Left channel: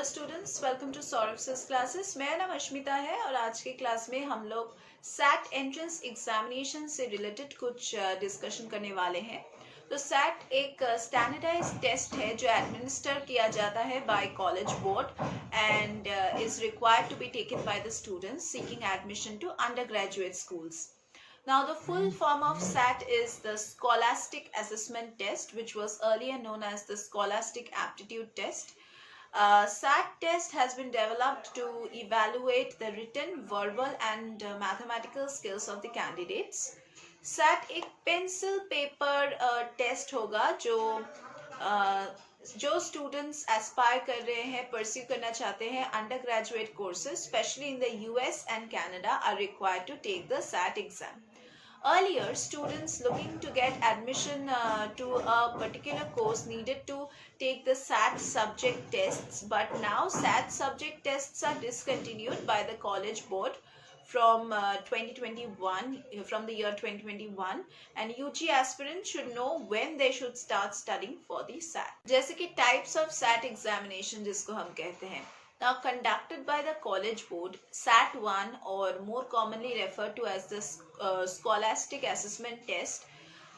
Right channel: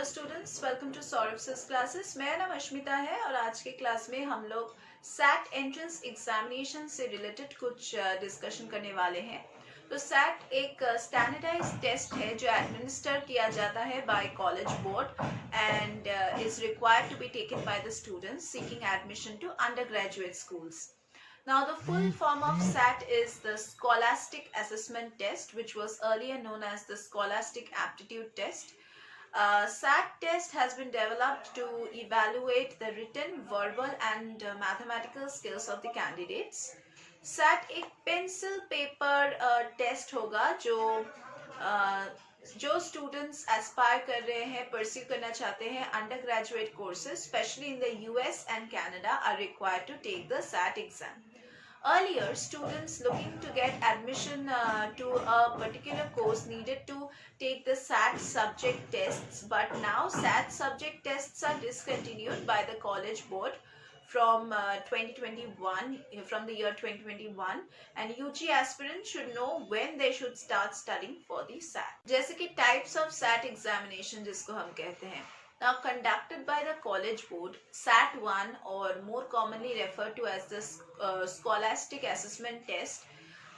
Hello students, welcome to Saurabh's classes. मेरा नाम अश्मिता है और आज के क्लास में हम लोग सैट एंट्रेंस एग्जामिनेशन से रिलेटेड कुछ डिस्कशन करने वाले हैं। तो सैट एक स्टैंडर्डाइज टेस्ट है जो एडमिनिस्टर किया जाता है by college board and is required to be taken by the students seeking admission to undergraduate schools. Now, the full form of SAT is the Scholastic Assessment Test, which was earlier known as the Scholastic Aptitude Test. SAT test has been developed to evaluate the written, verbal and mathematical skills of the candidates. SAT एक pencil paper test होगा जो students aspire कर रहे हैं, pursue करना चाहते हैं undergraduate courses, especially in the US and Canada, are required to take the SAT exam. Earlier, students looking to get admission to a particular course needed to take the SAT subject tests, but now SAT subject tests are discontinued by the college board from 2021, from the year 2021, and UG aspirants should know when they should start studying for the SAT. जैसे कि types of SAT examination जिसको हम कहते हैं. Now, conducted by the college board, SAT 1, or more commonly referred to as the Scholastic Assessment Test,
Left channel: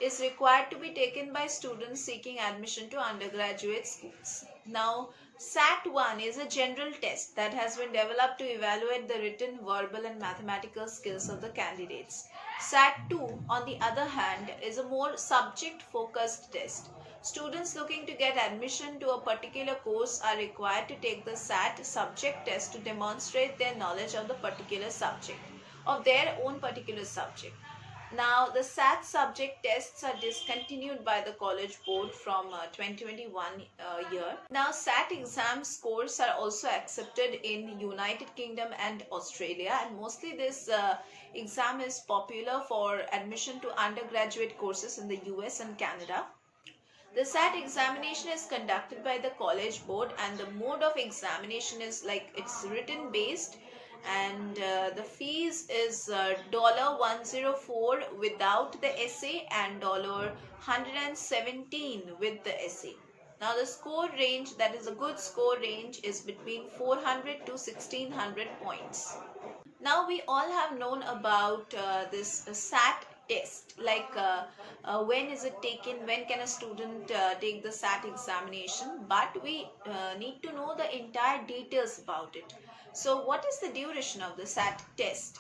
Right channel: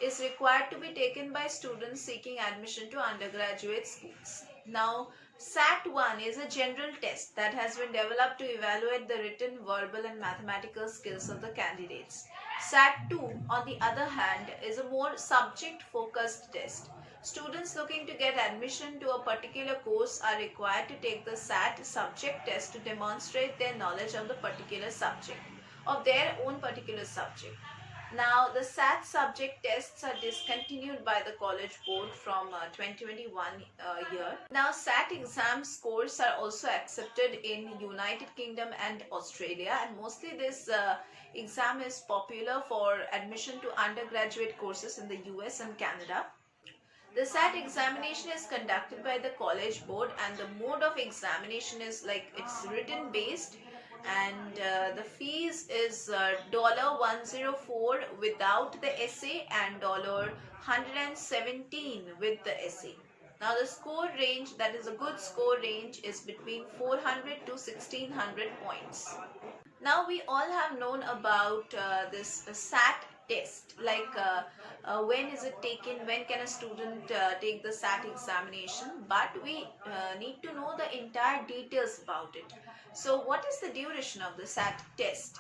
is required to be taken by students seeking admission to undergraduate schools. Now, SAT 1 is a general test that has been developed to evaluate the written, verbal and mathematical skills of the candidates. SAT 2, on the other hand, is a more subject-focused test. Students looking to get admission to a particular course are required to take the SAT subject test to demonstrate their knowledge of the particular subject, of their own particular subject. Now, the SAT subject tests are discontinued by the college board from 2021 year. Now, SAT exam scores are also accepted in United Kingdom and Australia, and mostly this exam is popular for admission to undergraduate courses in the US and Canada. The SAT examination is conducted by the college board, and the mode of examination is like it's written based, and the fees is $104 without the essay and $117 with the essay. Now the score range, that is a good score range, is between 400 to 1600 points. Now we all have known about this SAT test, like when is it taken, when can a student take the SAT examination, but we need to know the entire details about it. So what is the duration of the SAT test?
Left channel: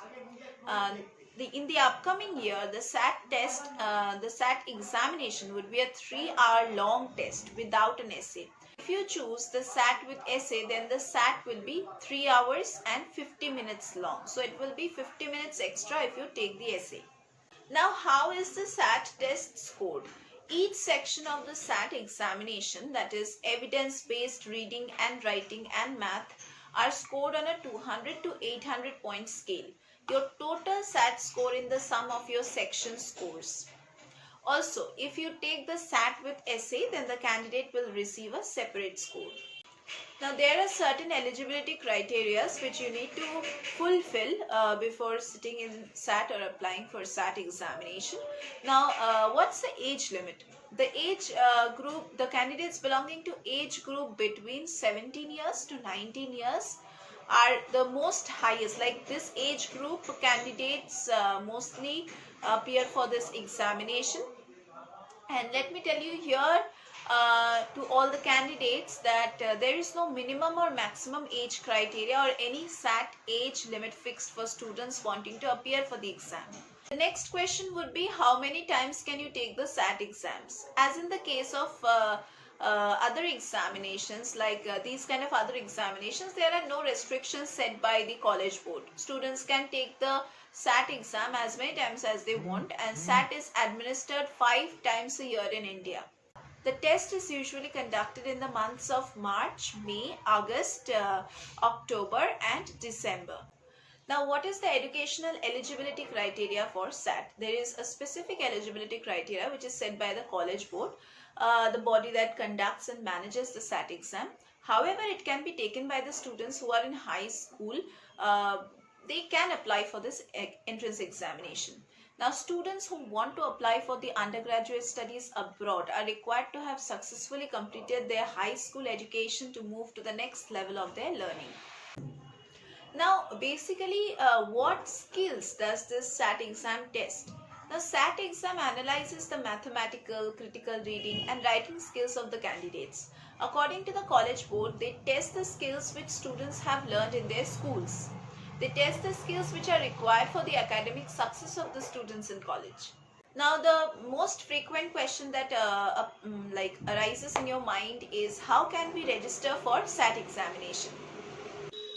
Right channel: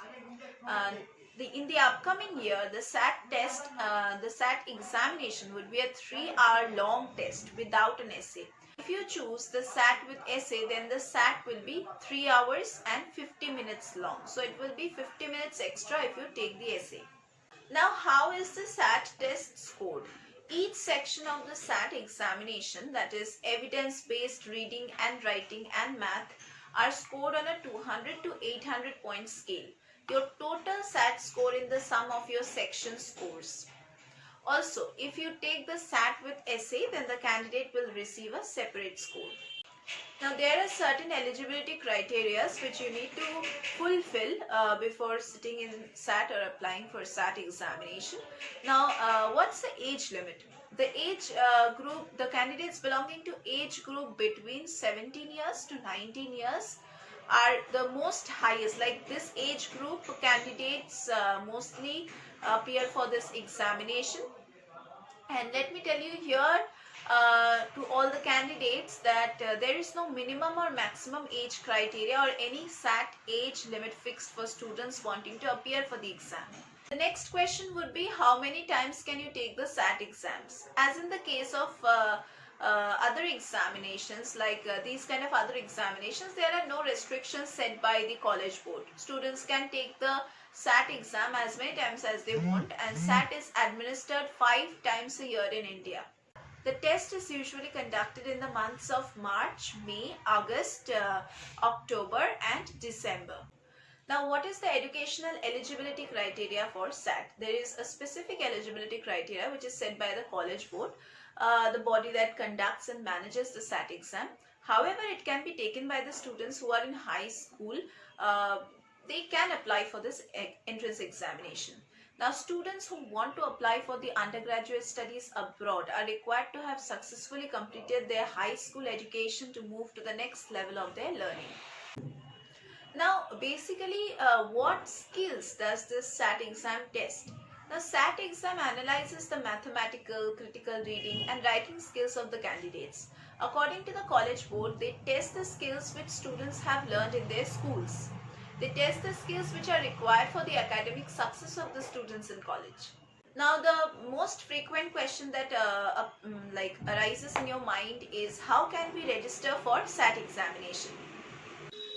In the upcoming year, the SAT test, the SAT examination would be a 3-hour long test without an essay. If you choose the SAT with essay, then the SAT will be 3 hours and 50 minutes long. So it will be 50 minutes extra if you take the essay. Now, how is the SAT test scored? Each section of the SAT examination, that is evidence-based reading and writing and math, are scored on a 200 to 800 point scale. Your total SAT score in the sum of your section scores. Also, if you take the SAT with essay, then the candidate will receive a separate score. Now, there are certain eligibility criteria which you need to fulfill before sitting in SAT or applying for SAT examination. Now, what's the age limit? The age group, the candidates belonging to age group between 17 years to 19 years are the most highest. Like this age group candidates mostly appear for this examination. And let me tell you here, to all the candidates, that there is no minimum or maximum age criteria or any SAT age limit fixed for students wanting to appear for the exam. The next question would be, how many times can you take the SAT exams? As in the case of other examinations, like these kind of other examinations, there are no restrictions set by the college board. Students can take the SAT exam as many times as they want, and SAT is administered 5 times a year in India. The test is usually conducted in the months of March, May, August, October and December. Now, what is the educational eligibility criteria for SAT? There is a specific eligibility criteria which is set by the college board, the body that conducts and manages the SAT exam. However, it can be taken by the students who are in high school. They can apply for this entrance examination. Now, students who want to apply for the undergraduate studies abroad are required to have successfully completed their high school education to move to the next level of their learning. Now, basically, what skills does this SAT exam test? The SAT exam analyzes the mathematical, critical reading and writing skills of the candidates. According to the College Board, they test the skills which students have learned in their schools. They test the skills which are required for the academic success of the students in college. Now, the most frequent question that arises in your mind is, how can we register for SAT examination?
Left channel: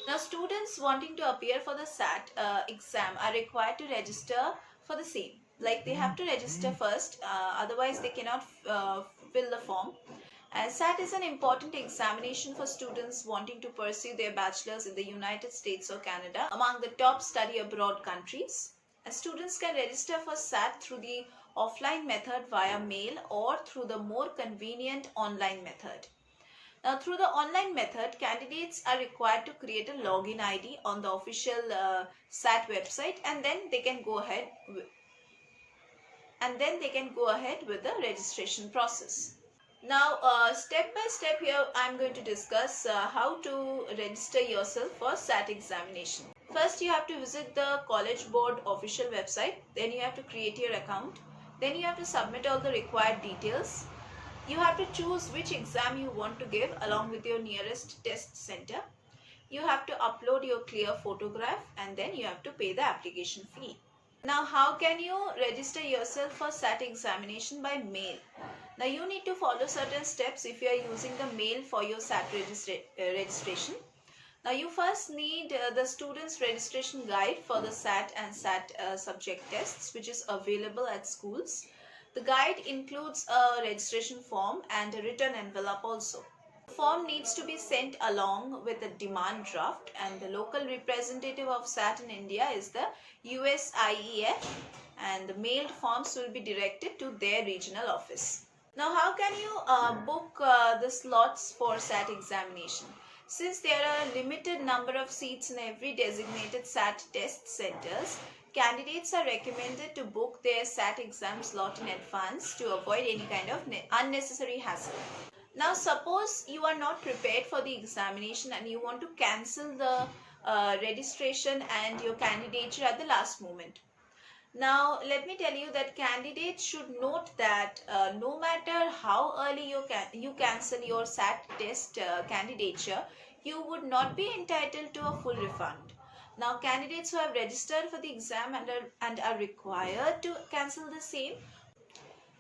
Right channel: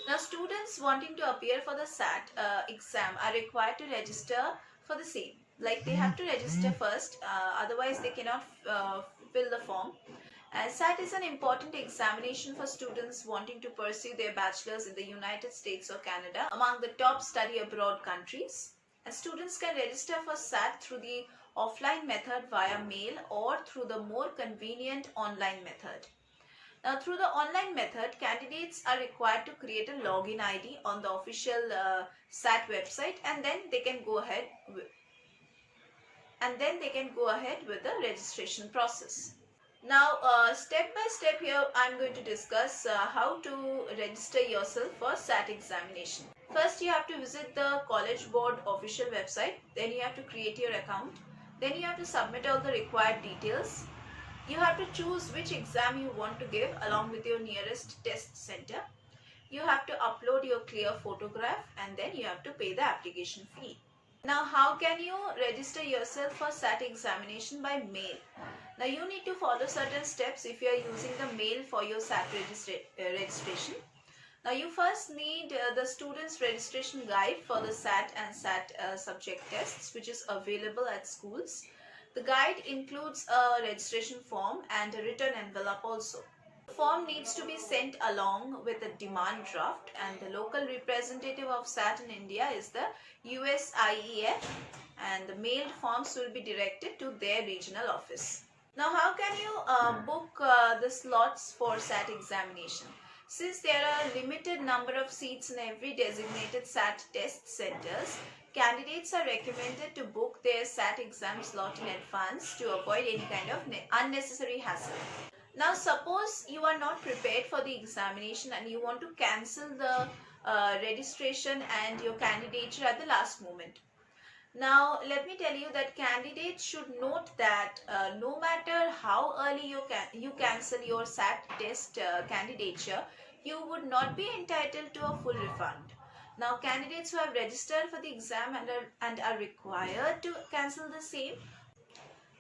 Now, students wanting to appear for the SAT exam are required to register for the same. Like, they have to register first, otherwise they cannot fill the form. SAT is an important examination for students wanting to pursue their bachelor's in the United States or Canada, among the top study abroad countries. Students can register for SAT through the offline method via mail or through the more convenient online method. Now, through the online method, candidates are required to create a login ID on the official SAT website, and then they can go ahead with the registration process. Now, step by step here, I am going to discuss how to register yourself for SAT examination. First, you have to visit the College Board official website. Then you have to create your account. Then you have to submit all the required details. You have to choose which exam you want to give along with your nearest test center. You have to upload your clear photograph, and then you have to pay the application fee. Now, how can you register yourself for SAT examination by mail? Now, you need to follow certain steps if you are using the mail for your SAT registration. Now, you first need the student's registration guide for the SAT and SAT subject tests, which is available at schools. The guide includes a registration form and a written envelope also. The form needs to be sent along with a demand draft, and the local representative of SAT in India is the USIEF, and the mailed forms will be directed to their regional office. Now, how can you book the slots for SAT examination? Since there are a limited number of seats in every designated SAT test centers, candidates are recommended to book their SAT exam slot in advance to avoid any kind of unnecessary hassle. Now, suppose you are not prepared for the examination and you want to cancel the registration and your candidature at the last moment. Now, let me tell you that candidates should note that no matter how early you cancel your SAT test candidature, you would not be entitled to a full refund. Now, candidates who have registered for the exam and are required to cancel the same.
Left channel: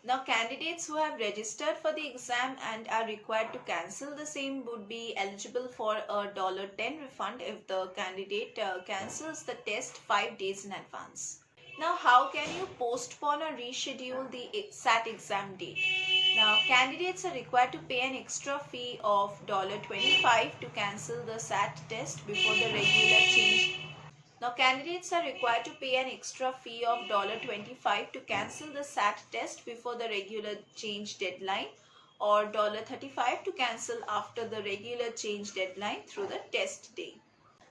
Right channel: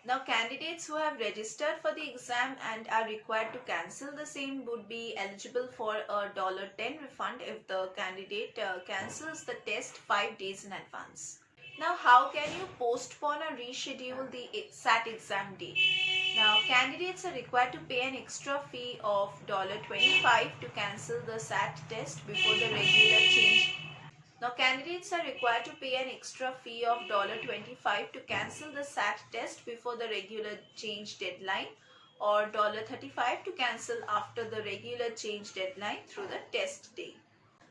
Now, candidates who have registered for the exam and are required to cancel the same would be eligible for a $10 refund if the candidate cancels the test 5 days in advance. Now, how can you postpone or reschedule the SAT exam date? Now, candidates are required to pay an extra fee of $25 to cancel the SAT test before the regular change. Now, candidates are required to pay an extra fee of $25 to cancel the SAT test before the regular change deadline, or $35 to cancel after the regular change deadline through the test day.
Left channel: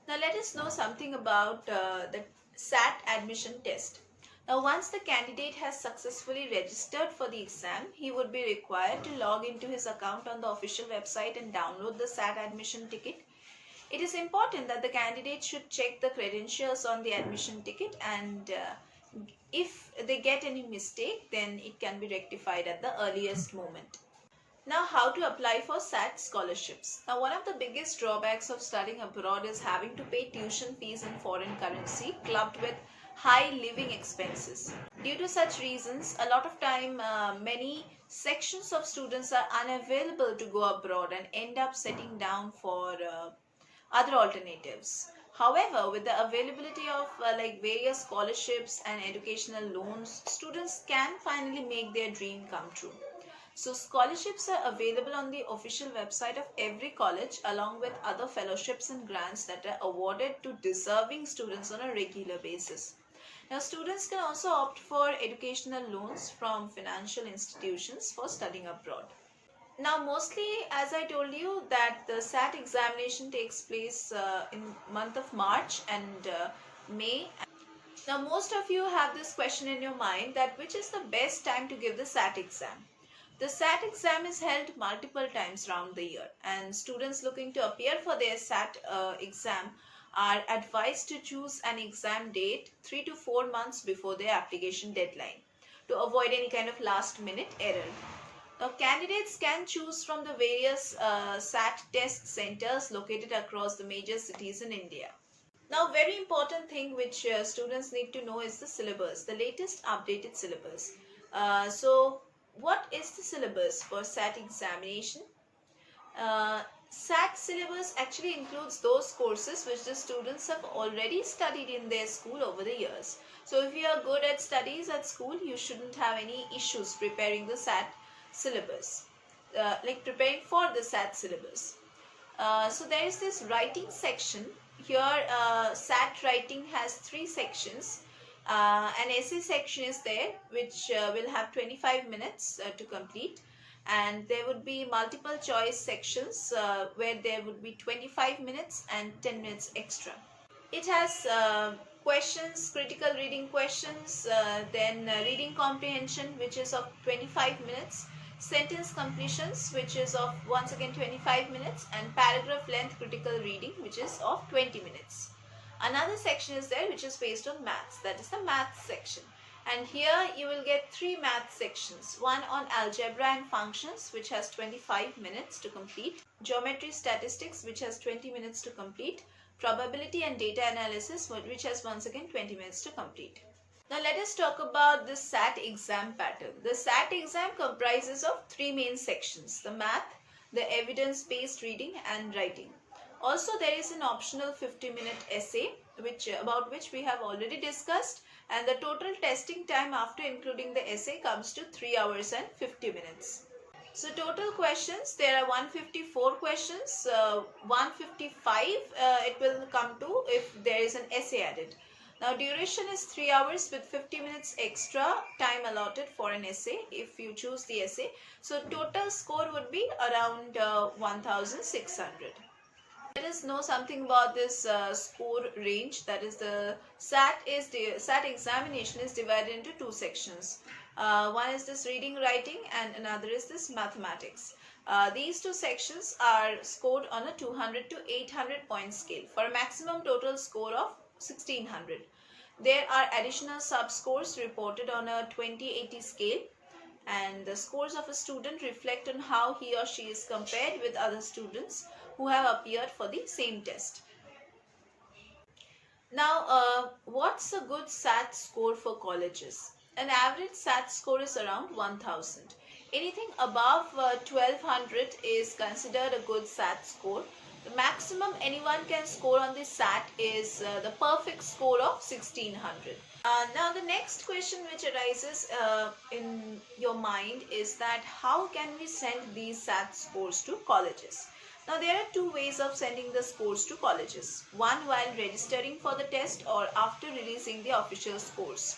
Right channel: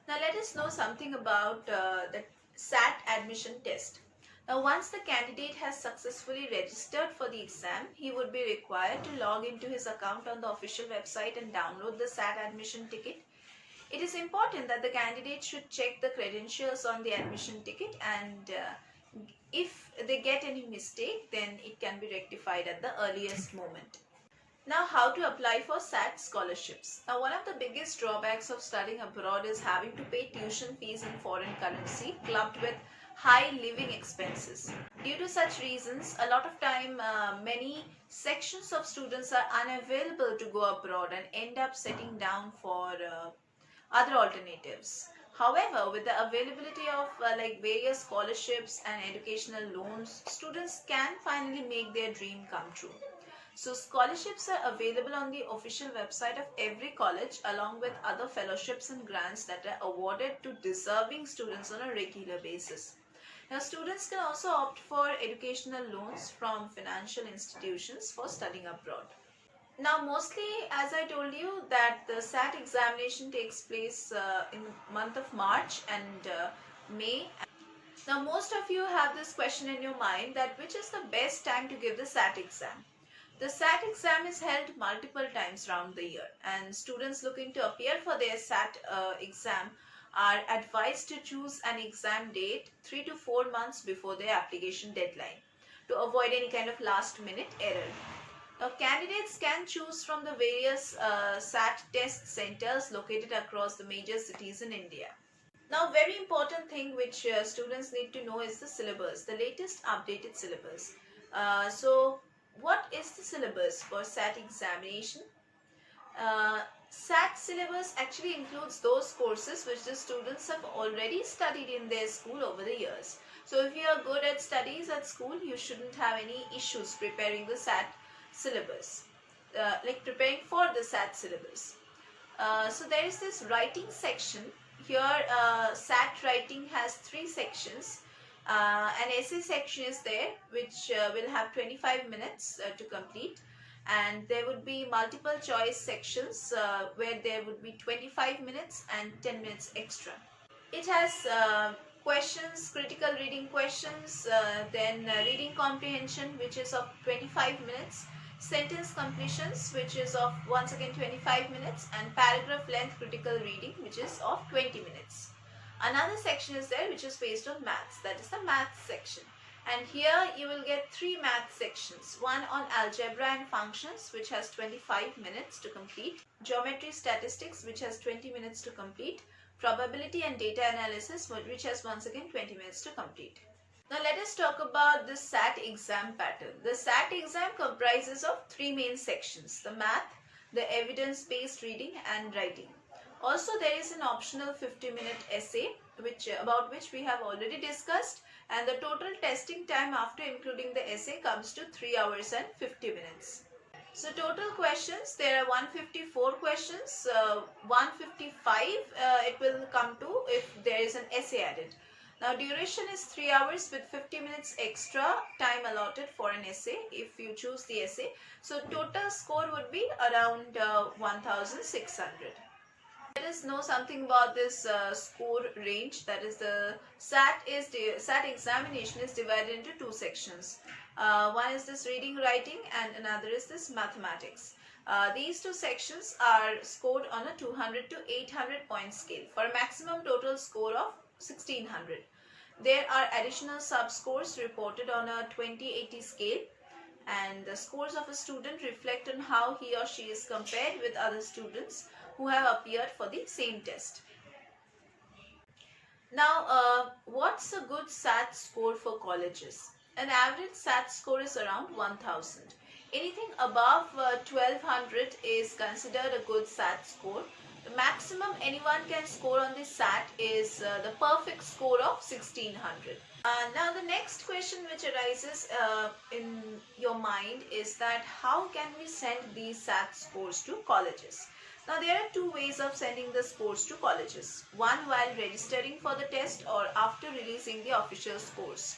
Now, let us know something about the SAT admission test. Now, once the candidate has successfully registered for the exam, he would be required to log into his account on the official website and download the SAT admission ticket. It is important that the candidate should check the credentials on the admission ticket, and if they get any mistake, then it can be rectified at the earliest moment. Now, how to apply for SAT scholarships. Now, one of the biggest drawbacks of studying abroad is having to pay tuition fees in foreign currency clubbed with high living expenses. Due to such reasons, a lot of time many sections of students are unavailable to go abroad and end up setting down for other alternatives. However, with the availability of various scholarships and educational loans, students can finally make their dream come true. So, scholarships are available on the official website of every college, along with other fellowships and grants that are awarded to deserving students on a regular basis. Now, students can also opt for educational loans from financial institutions for studying abroad. Now, mostly, as I told you, that the SAT examination takes place in month of March and May. Now most of you have this question in your mind that which is the best time to give the SAT exam. The SAT exam is held multiple times around the year, and students looking to appear for their SAT exam are advised to choose an exam date 3 to 4 months before their application deadline to avoid any kind of last minute error. Now candidates can choose from the various SAT test centers located across the major cities in India. Now, very important thing which students need to know is the syllabus, the latest updated syllabus. So, what is the syllabus for SAT examination? SAT syllabus actually includes those courses which the students have already studied in their school over the years. So, if you are good at studies at school, you shouldn't have any issues preparing the SAT syllabus, like preparing for the SAT syllabus. So, there is this writing section. Here SAT writing has 3 sections. An essay section is there which will have 25 minutes to complete, and there would be multiple choice sections where there would be 25 minutes and 10 minutes extra. It has questions, critical reading questions, then reading comprehension which is of 25 minutes, sentence completions which is of once again 25 minutes, and paragraph length critical reading which is of 20 minutes. Another section is there which is based on maths, that is the maths section, and here you will get 3 math sections, one on algebra and functions which has 25 minutes to complete, geometry statistics which has 20 minutes to complete, probability and data analysis which has once again 20 minutes to complete. Now let us talk about the SAT exam pattern. The SAT exam comprises of 3 main sections: the math, the evidence-based reading and writing. Also there is an optional 50-minute essay about which we have already discussed, and the total testing time after including the essay comes to 3 hours and 50 minutes. So total questions, there are 154 questions, 155 it will come to if there is an essay added. Now duration is 3 hours with 50 minutes extra time allotted for an essay if you choose the essay. So total score would be around 1600. Let us know something about this score range, that is the SAT examination is divided into 2 sections. One is this reading writing and another is this mathematics. These 2 sections are scored on a 200 to 800 point scale for a maximum total score of 1600. There are additional sub-scores reported on a 20/80 scale, and the scores of a student reflect on how he or she is compared with other students who have appeared for the same test. Now, what's a good SAT score for colleges? An average SAT score is around 1000. Anything above 1200 is considered a good SAT score. The maximum anyone can score on this SAT is the perfect score of 1600. Now the next question which arises in your mind is that how can we send these SAT scores to colleges? Now there are 2 ways of sending the scores to colleges. One while registering for the test or after releasing the official scores.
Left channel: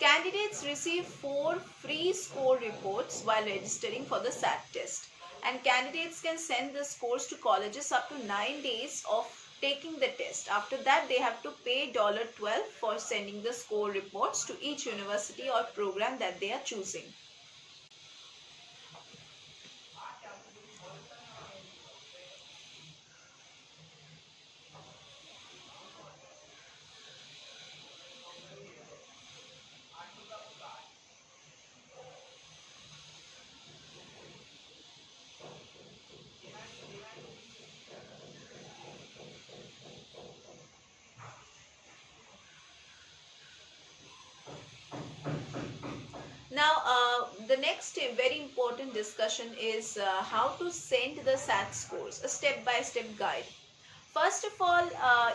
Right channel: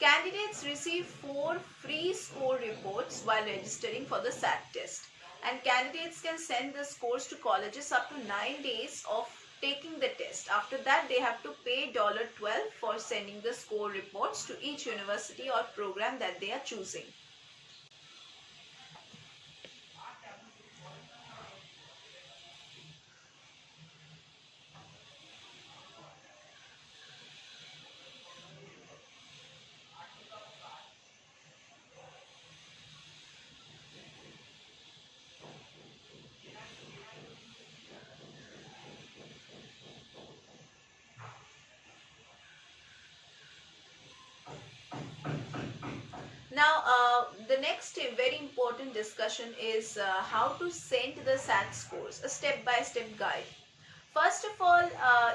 Candidates receive 4 free score reports while registering for the SAT test. And candidates can send the scores to colleges up to 9 days of taking the test. After that, they have to pay $12 for sending the score reports to each university or program that they are choosing. Now, the next very important discussion is how to send the SAT scores, a step-by-step guide. First of all,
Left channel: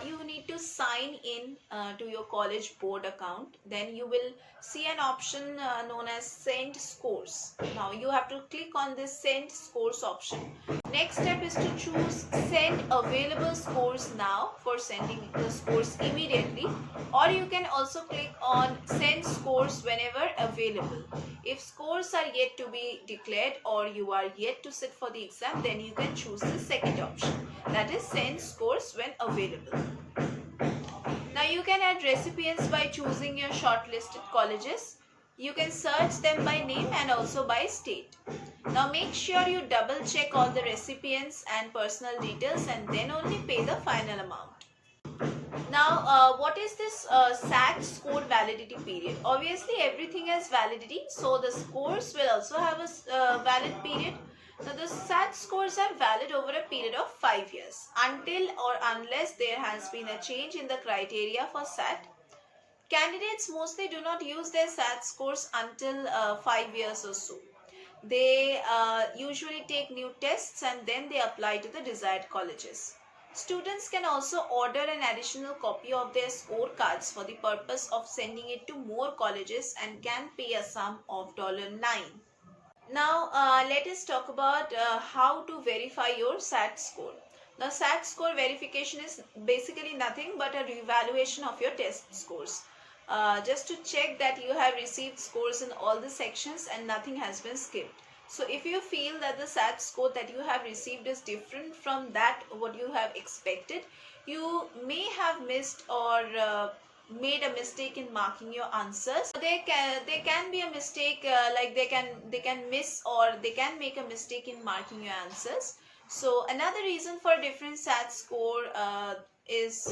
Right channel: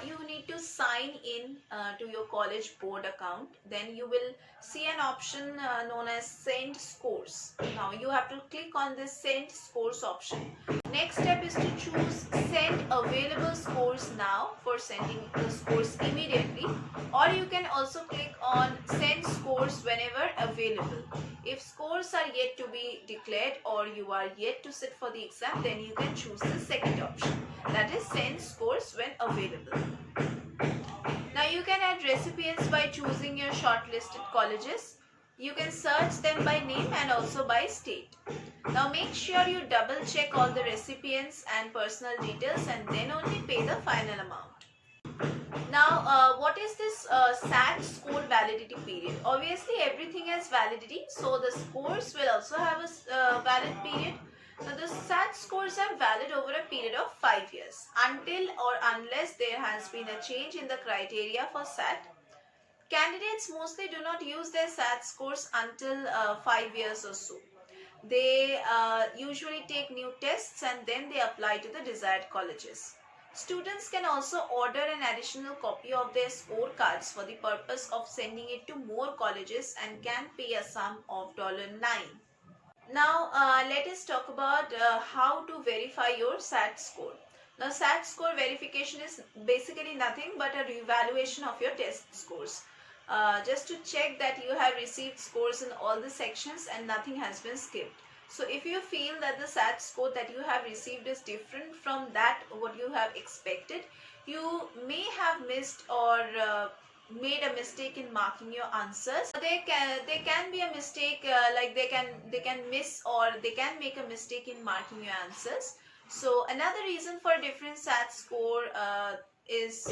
you need to sign in to your college board account. Then you will see an option known as Send Scores. Now, you have to click on this Send Scores option. Next step is to choose Send Available Scores Now for sending the scores immediately, or you can also click on Send Scores Whenever Available. If scores are yet to be declared or you are yet to sit for the exam, then you can choose the second option, that is Send Scores When Available. Now you can add recipients by choosing your shortlisted colleges. You can search them by name and also by state. Now make sure you double check all the recipients and personal details and then only pay the final amount. Now, what is this SAT score validity period? Obviously, everything has validity, so the scores will also have a valid period. Now, the SAT scores are valid over a period of 5 years until or unless there has been a change in the criteria for SAT. Candidates mostly do not use their SAT scores until 5 years or so. They usually take new tests and then they apply to the desired colleges. Students can also order an additional copy of their scorecards for the purpose of sending it to more colleges and can pay a sum of $9. Now let us talk about how to verify your SAT score. Now SAT score verification is basically nothing but a revaluation of your test scores. Just to check that you have received scores in all the sections and nothing has been skipped. So if you feel that the SAT score that you have received is different from that what you have expected, you may have missed or made a mistake in marking your answers. There can be a mistake, like they can miss or they can make a mistake in marking your answers. So another reason for different SAT score is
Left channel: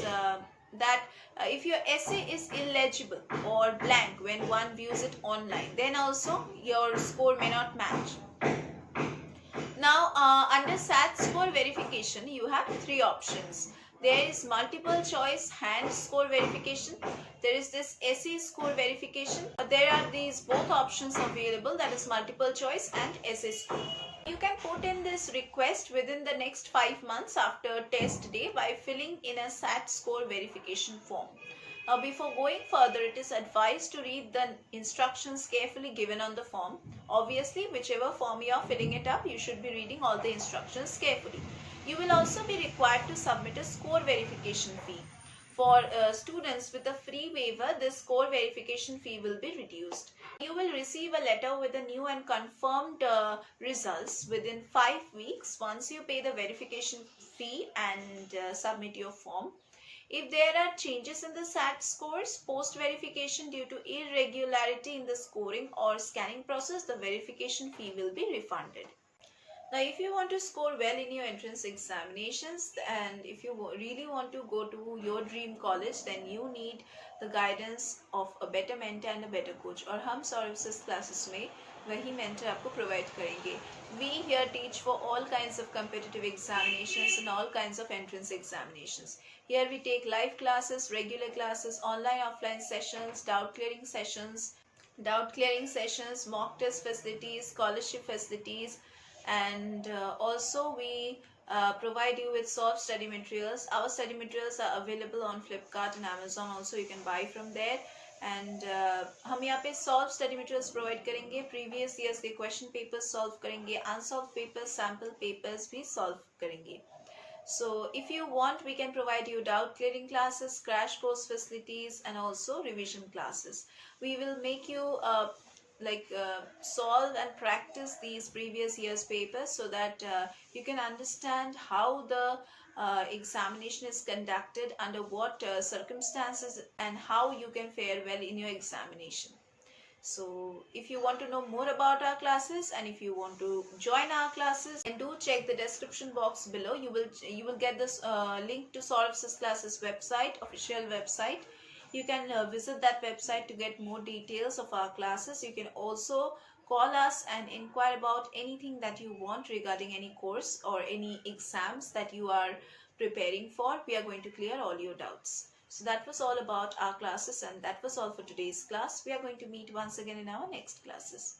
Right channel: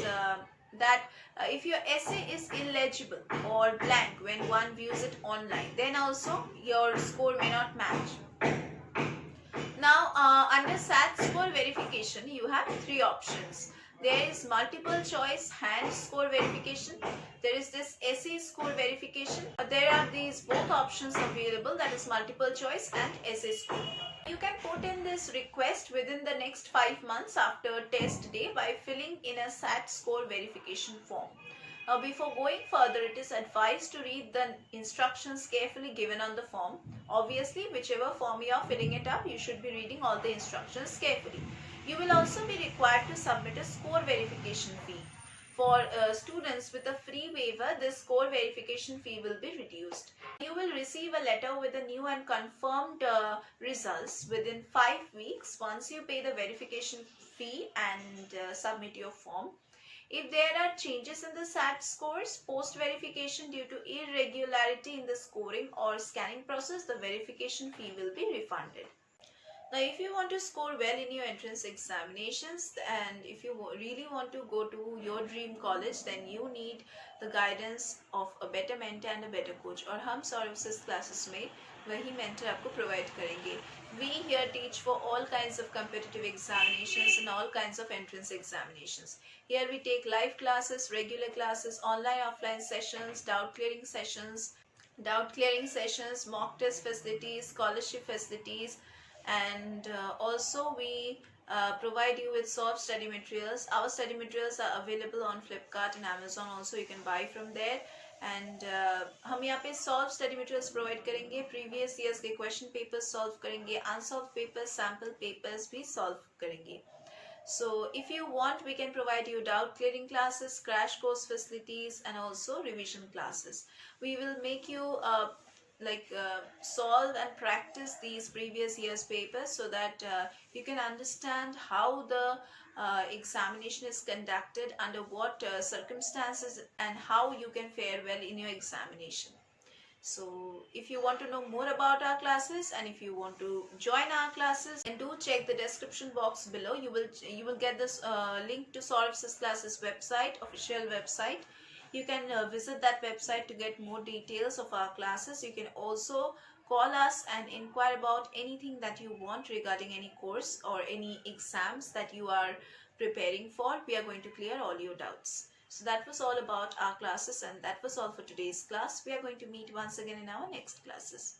that if your essay is illegible or blank when one views it online, then also your score may not match. Now under SAT score verification you have 3 options. There is multiple choice hand score verification. There is this essay score verification. There are these both options available, that is multiple choice and essay score. You can put in this request within the next 5 months after test day by filling in a SAT score verification form. Now before going further, it is advised to read the instructions carefully given on the form. Obviously, whichever form you are filling it up, you should be reading all the instructions carefully. You will also be required to submit a score verification fee. For students with a free waiver, this score verification fee will be reduced. You will receive a letter with the new and confirmed results within 5 weeks once you pay the verification fee and submit your form. If there are changes in the SAT scores post-verification due to irregularity in the scoring or scanning process, the verification fee will be refunded. Now, if you want to score well in your entrance examinations and if you really want to go to your dream college, then you need the guidance of a better mentor and a better coach. और हम Syllabus classes में वही mentor आपको provide करेंगे. We here teach for all kinds of competitive examinations and all kinds of entrance examinations. Here we take live classes, regular classes, online offline sessions, doubt clearing sessions, mock test facilities, scholarship facilities, and also we provide you with solved study materials. Our study materials are available on Flipkart and Amazon also, you can buy from there. And हम यहाँ पे solved study materials provide करेंगे, previous years के question papers solve करेंगे, unsolved papers, sample papers भी solve करेंगे. So if you want, we can provide you doubt clearing classes, crash course facilities, and also revision classes. We will make you solve and practice these previous year's papers so that you can understand how the examination is conducted, under what circumstances, and how you can fare well in your examination. So if you want to know more about our classes and if you want to join our classes, then do check the description box below. You will get this link to Syllabus classes website, official website. You can visit that website to get more details of our classes. You can also call us and inquire about anything that you want regarding any course or any exams that you are preparing for. We are going to clear all your doubts. So that was all about our classes, and that was all for today's class. We are going to meet once again in our next classes.